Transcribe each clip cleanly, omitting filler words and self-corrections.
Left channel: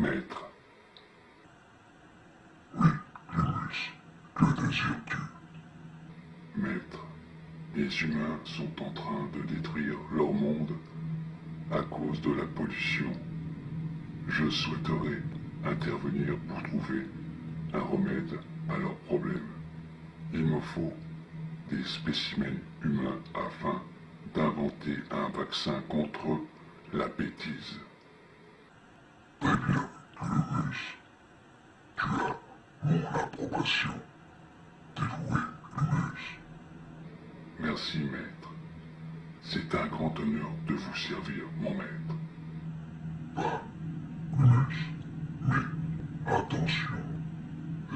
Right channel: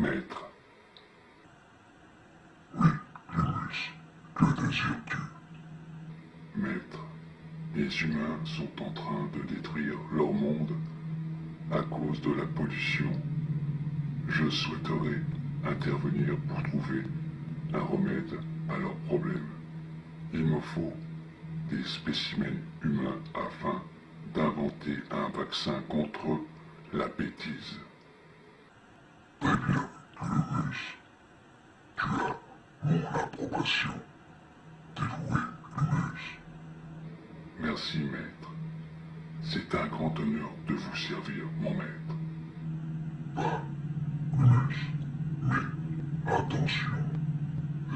Maître, Lumus, que désires-tu? maître, les humains sont en train de détruire leur monde à cause de la pollution. Je souhaiterais intervenir pour trouver un remède à leurs problèmes. Il me faut des spécimens humains afin d'inventer un vaccin contre la bêtise. Très bien, Lumus. Tu as mon approbation. Dévoué, Lumus. Merci, maître. C'est un grand honneur de vous servir, mon maître. Bah, Lumus. Mais attention,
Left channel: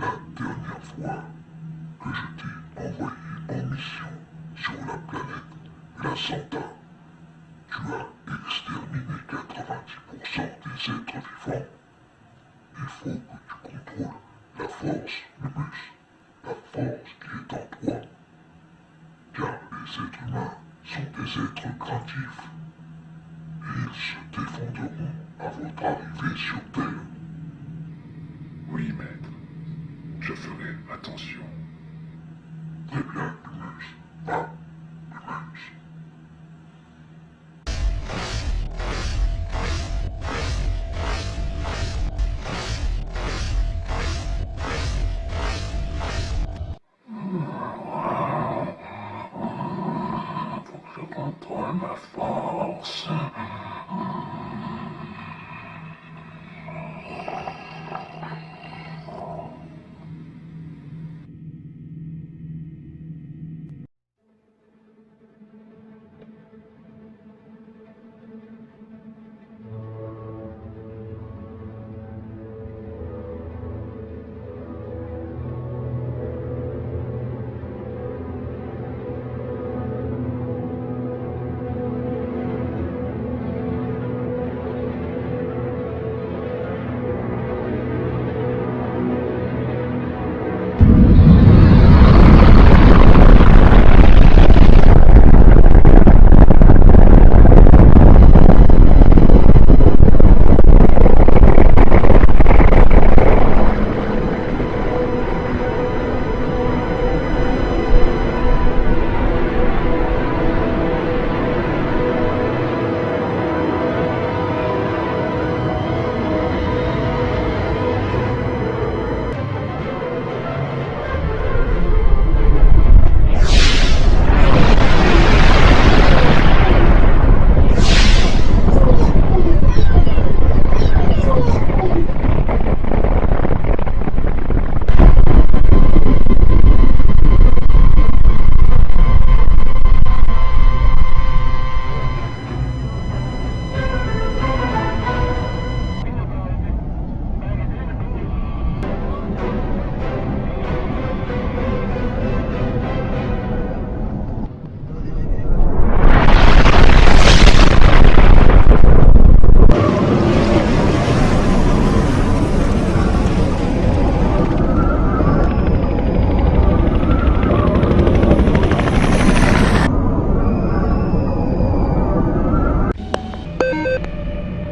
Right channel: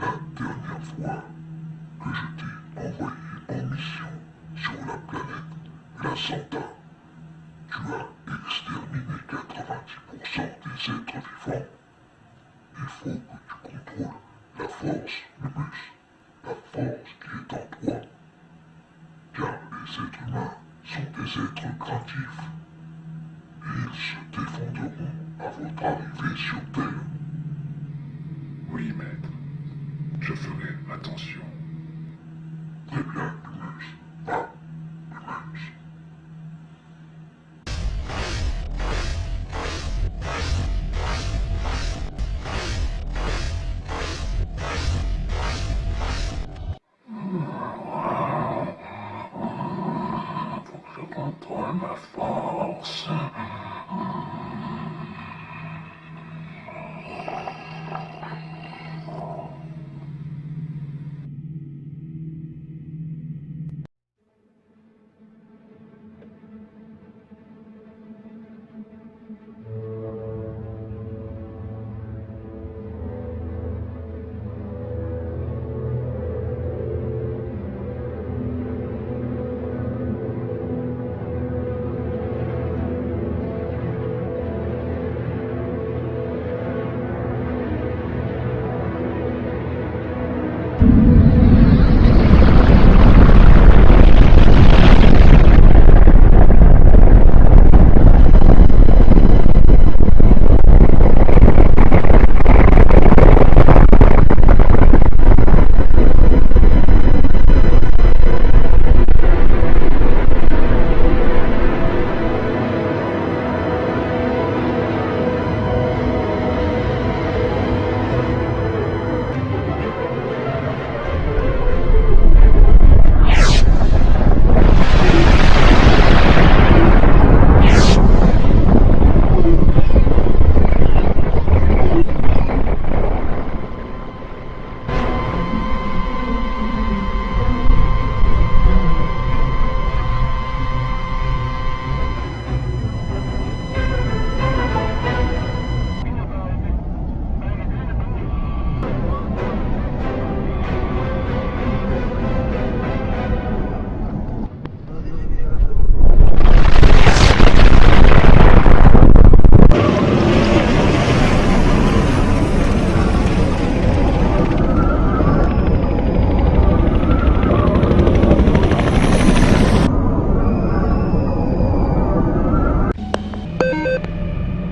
la dernière fois que je t'ai envoyé en mission sur la planète La Santa, tu as exterminé 90% des êtres vivants. Il faut que tu contrôles la force, Lumus, la force qui est en toi. Car les êtres humains sont des êtres craintifs. Et ils se défendront à votre arrivée sur Terre. Oui, maître. Je ferai attention. Très bien, Lumus. Va, Lumus. Faut que je contrôle ma force.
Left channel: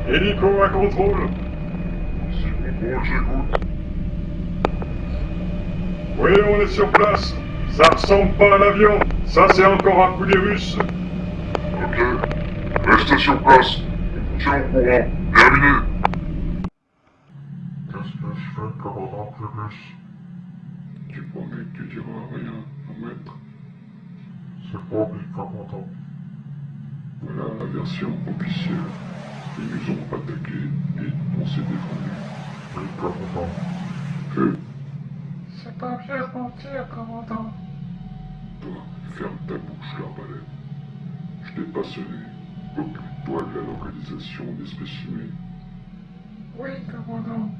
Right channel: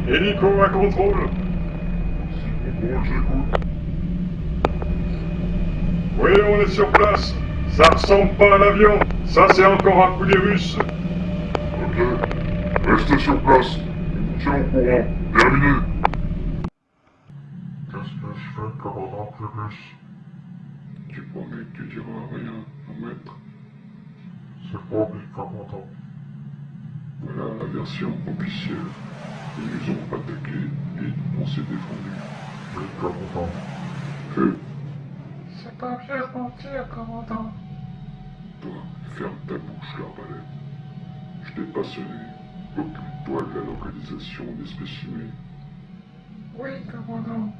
Hélico à contrôle. Si contrôle, j'écoute. Oui, on est sur place. Ça ressemble pas à un avion. Ça, c'est encore un coup des Russes. Ok. Restez sur place. On vous tient au courant. Terminé. Qu'est-ce que je fais, commandant Lumus? Tu promets que tu diras rien, mon maître? C'est promis, commandant. Voilà la version officielle. Ils nous ont attaqués et on s'est défendu. Oui, commandant. Feu, C'est pas bien de mentir, commandant. toi, ferme ta bouche, l'arbalète. Je t'ai pas sonné. Occupe-toi de la localisation des spécimens. Oui, commandant.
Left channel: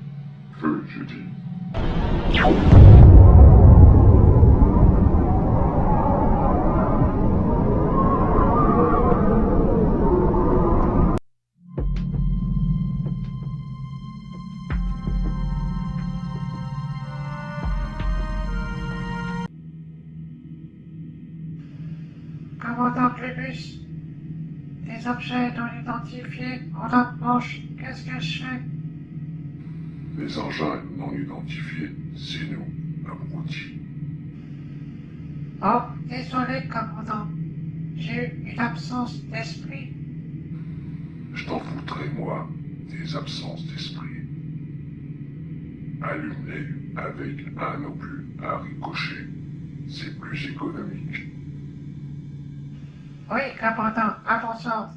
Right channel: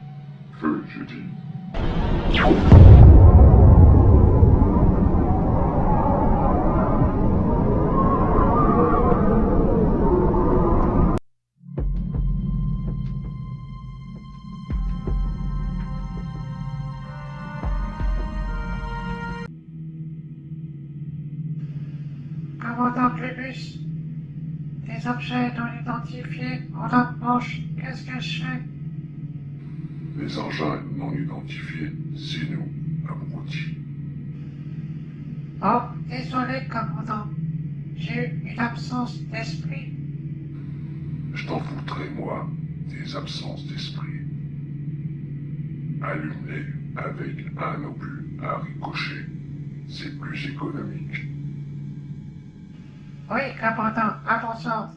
Feu, j'ai dit. Commandant Clébus, des objets non identifiés en notre manche. Qu'est-ce que je fais? Les engins non identifiés, c'est nous, abrutis. Oh, désolé, commandant. J'ai eu une absence d'esprit. Je t'en foutrais, moi, des absences d'esprit. Allume-les avec un obus à ricochet. C'est plus économique. Oui, commandant, à ton sens.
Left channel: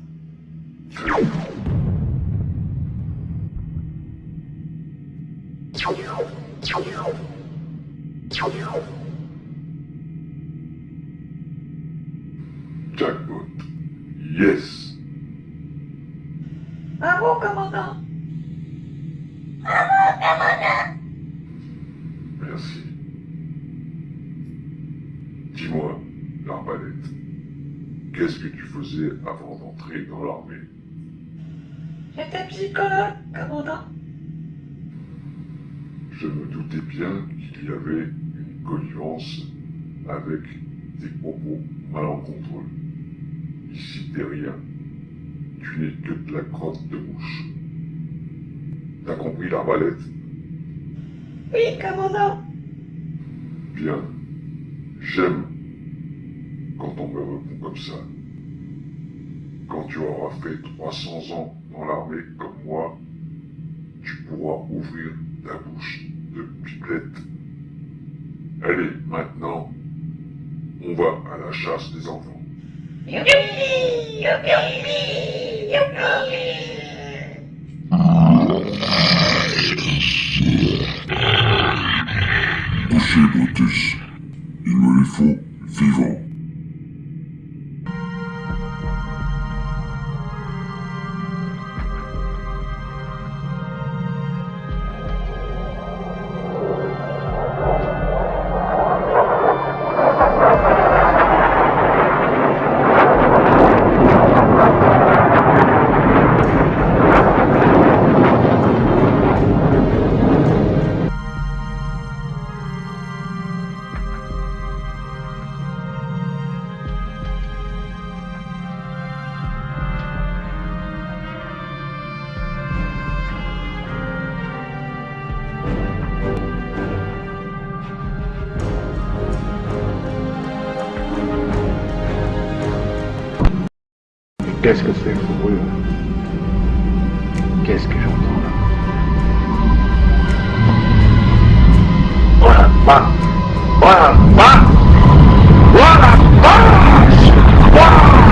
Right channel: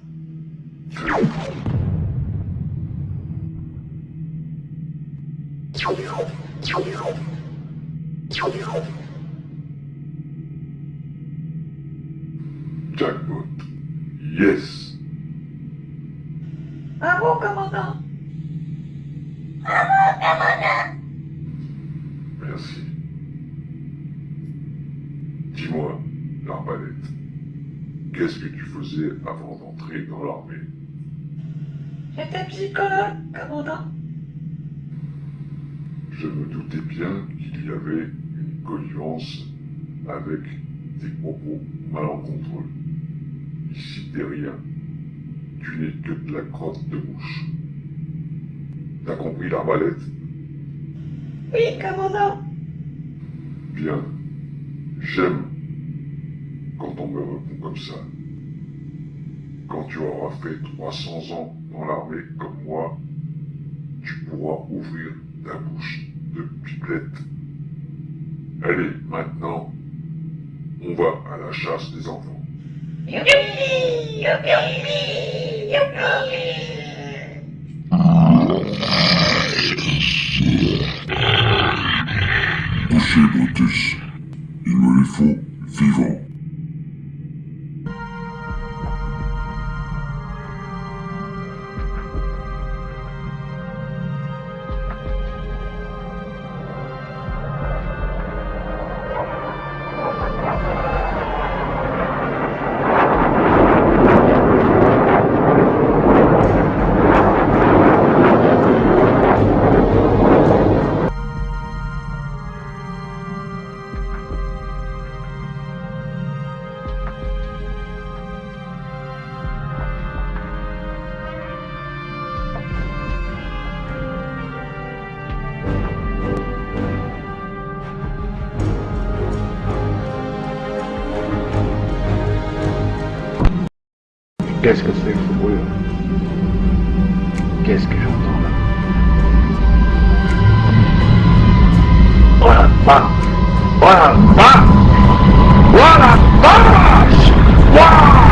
Jackpot. Yes. Bravo, commandant. Merci. Dis-moi, l'arbalète, qu'est-ce que tu faisais avant d'entrer dans l'armée? J'étais psychologue, commandant. Je me doutais bien qu'il y avait une connivence avec des propos malencontreux. Ici, t'es rien. Tu n'es que de la crotte de mouche. T'as compris, l'arbalète? Oui, commandant. Bien. J'aime quand on me répond comme ça. Quand tu auras fait 300 ans dans l'armée comme moi, tu pourras ouvrir ta bouche de pipelette. Allez, maintenant, on va à la chasse des enfants. Youpi, youpi, youpi. Touchez, Brutus. Il me les faut vivants. Qu'est-ce que c'est que ce bruit? Qu'est-ce que j'entends là? Oh la vache! Oh la vache! Oh la vache! Waouh!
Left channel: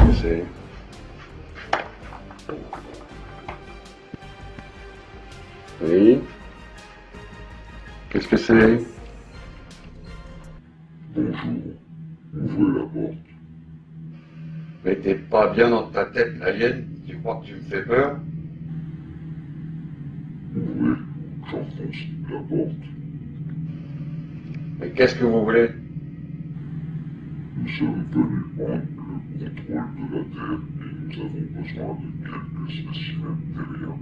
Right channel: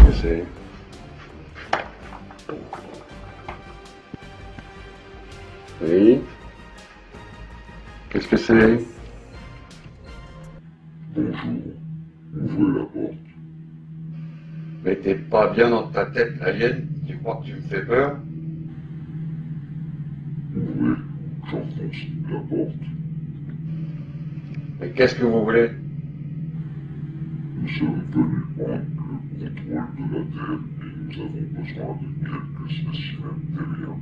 Qu'est-ce que c'est? Oui? Qu'est-ce que c'est? Bonjour. Ouvrez la porte. Mais t'es pas bien dans ta tête, l'alien? Tu crois que tu me fais peur? Ouvrez. J'enfonce la porte. Mais qu'est-ce que vous voulez? Nous sommes venus prendre le contrôle de la Terre et nous avons besoin de quelques spécimens terriens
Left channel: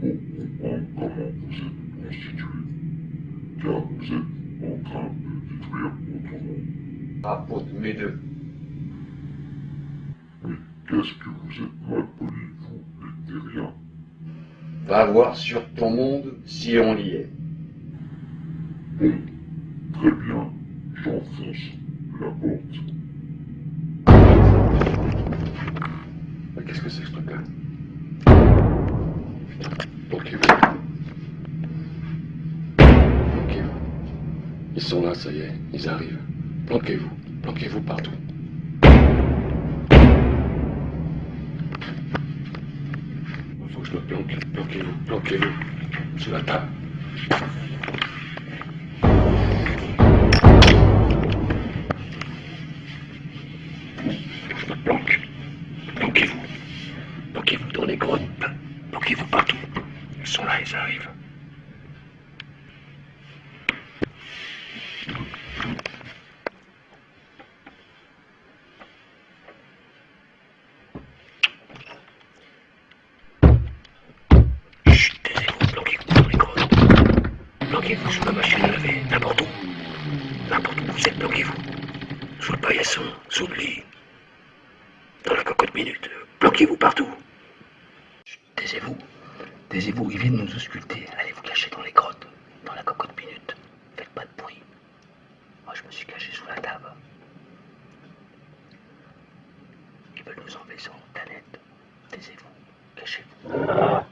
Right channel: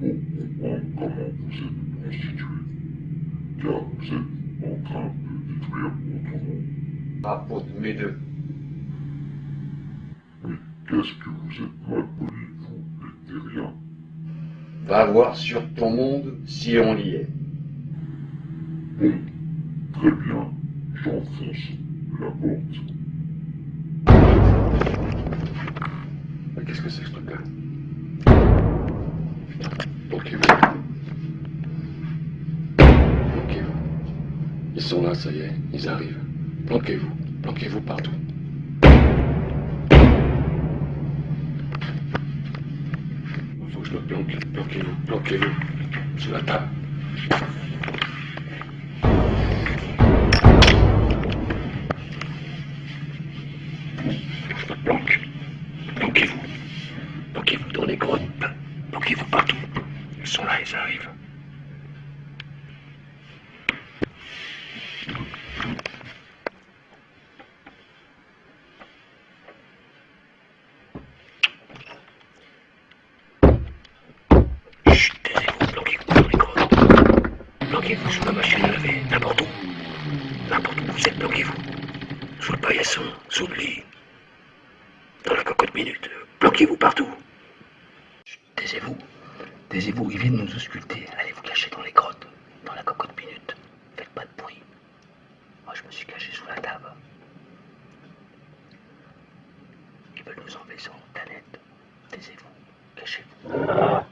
pour comprendre comment vous êtes constitués. Car vous êtes en train de détruire votre monde. Ah, pour mes deux. Mais qu'est-ce que vous êtes mal polis, vous, les terriens? Va voir sur ton monde si on y est. Bon, très bien, j'enfonce la porte. Mais qu'est-ce que c'est que ce truc-là? Bloquez-vous. Bloquez-vous. Ils sont là, ça y est, ils arrivent. Planquez-vous. Planquez-vous partout. Il faut que je me planque. Planquez-vous. Planquez-vous. Sous la table. Je me planque. Planquez-vous. Planquez-vous dans les grottes. Planquez-vous partout. Ils sont là, ils arrivent. Planquez-vous sous la machine à laver, n'importe où. N'importe où vous êtes, planquez-vous. Sous le paillasson, sous le lit, dans la cocotte minute. Planquez-vous partout. Chut, taisez-vous. Taisez-vous, ils viennent nous ausculter. Allez vous cacher dans les grottes, dans la cocotte minute. Faites pas de bruit. Moi, je me suis caché sous la table. Ils veulent nous enlever sur une planète. Taisez-vous, cachez-vous.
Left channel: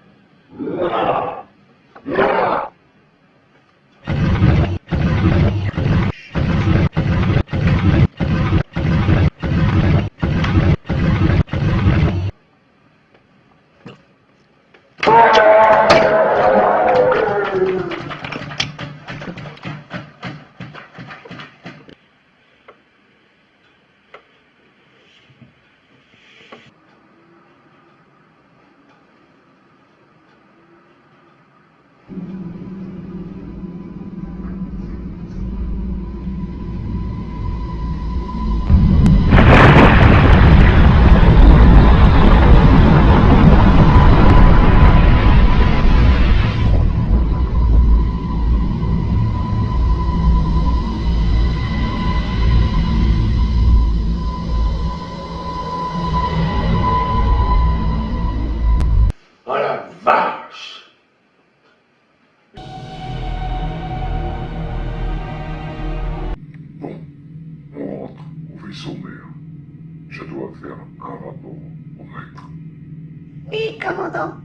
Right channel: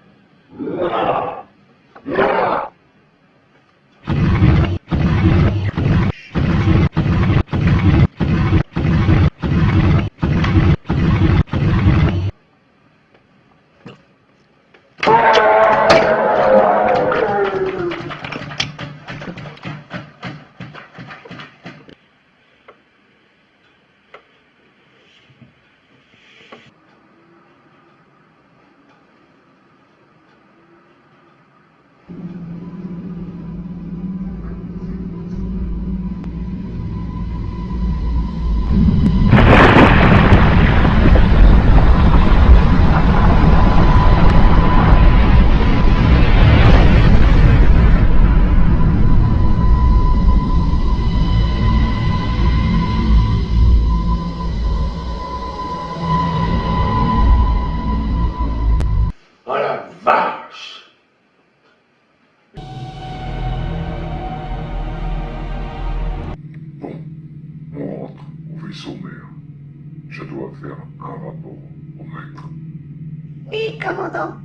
Oh la vache! Bon, on rentre au vaisseau mère. Je dois faire un rapport au maître. Oui, commandant.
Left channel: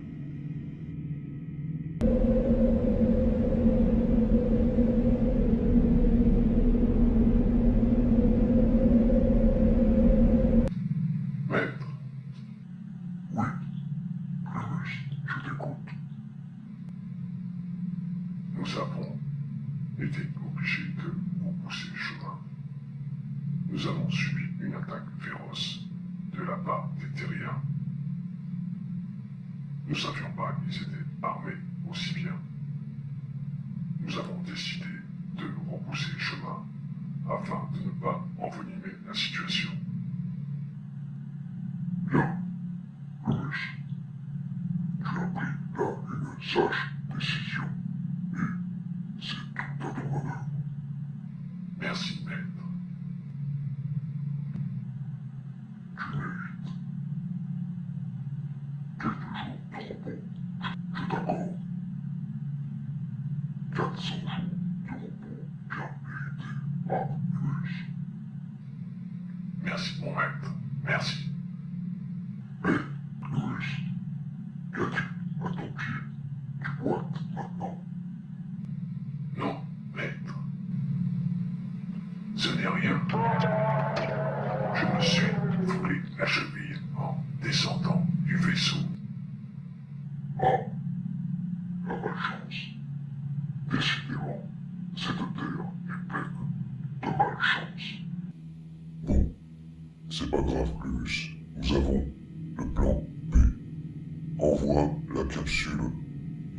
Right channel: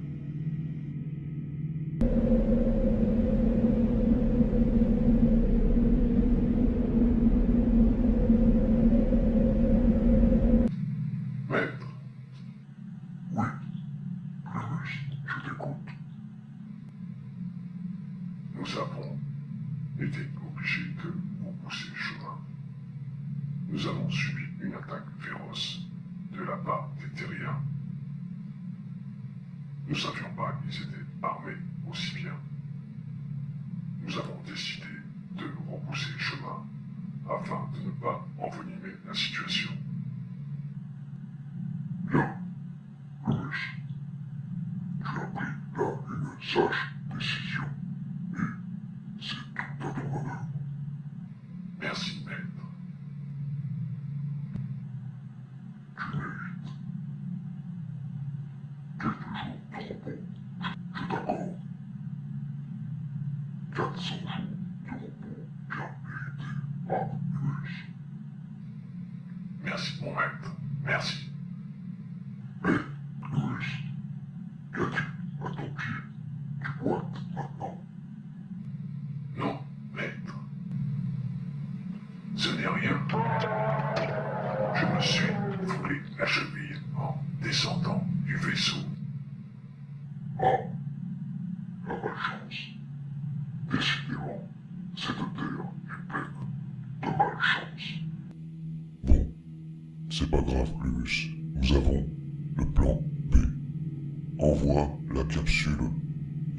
Maître, Oui, Louis, je t'écoute. nous avons été obligés de repousser le chemin. Nous avons subi une attaque féroce de la part des terriens. Nous ne savions pas qu'ils étaient armés aussi bien. Nous avons décidé de repousser le chemin afin de ne pas envenimer la situation. Bien, Louis. Tu as pris là une sage décision. Et c'est tout à ton honneur. Merci, maître. Tu mérites quelques jours de repos. Je t'accorde 400 jours de repos bien mérités à Louis. Merci, mon maître. Merci. Mais, Louis, qu'as-tu à ton pied? Tu boites maintenant. Non, maître. Ce n'est rien. Je me suis foulé la cheville en descendant du vaisseau. Ah, la malchance. Décidément, cette terre est pleine de malchance. Bon, c'est pas grave, Louis. Nous avons le plan B. Envoie la capsule,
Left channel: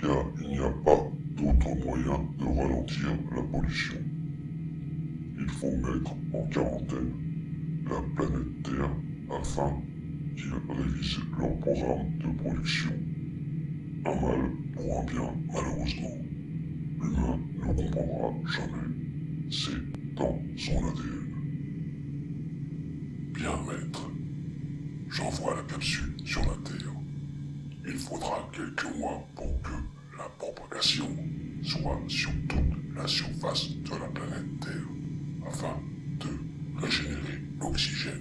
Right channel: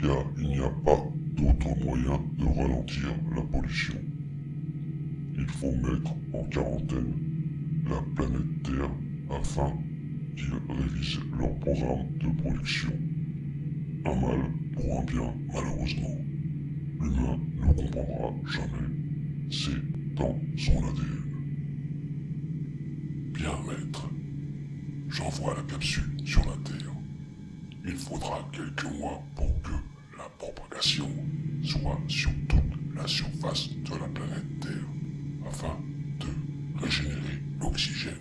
car il n'y a pas d'autre moyen de ralentir la pollution. Il faut mettre en quarantaine la planète Terre afin qu'ils révisent leur programme de production. Un mal pour un bien, malheureusement. L'humain ne comprendra jamais. C'est dans son ADN. Bien, maître. J'envoie la capsule sur la Terre. Il faudra quelques mois pour que la propagation soit sur toute la surface de la planète Terre, afin de régénérer l'oxygène.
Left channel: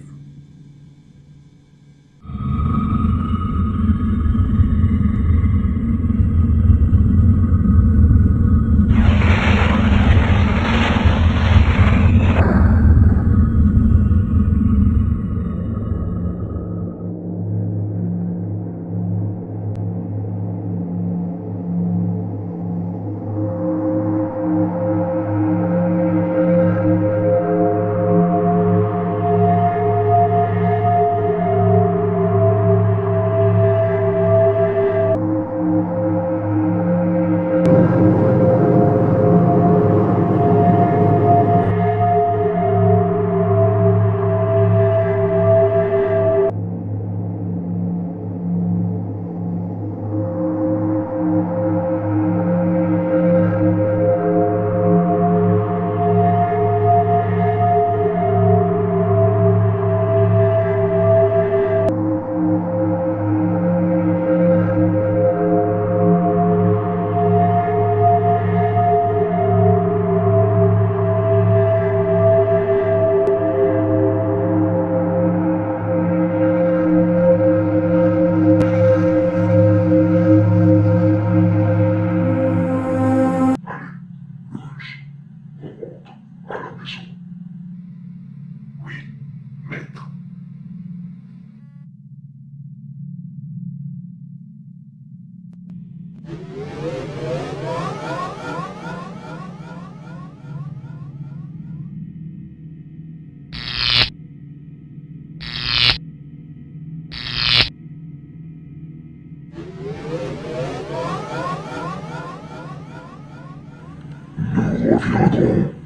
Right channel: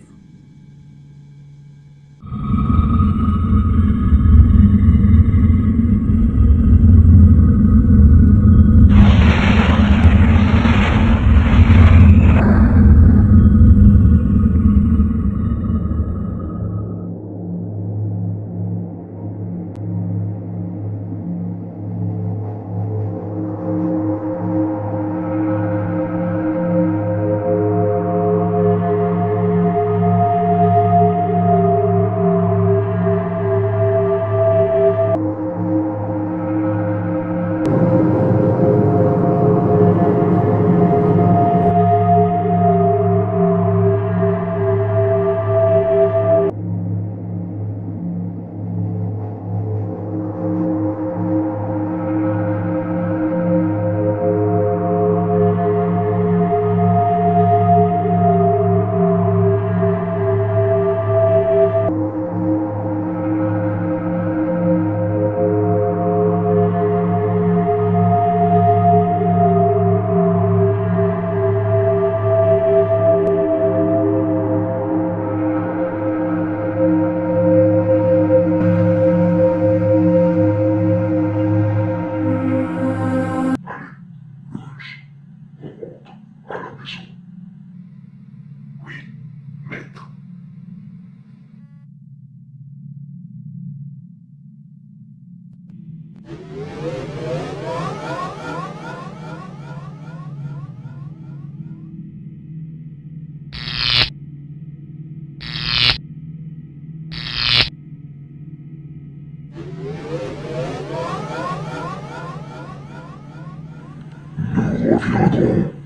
reviendront.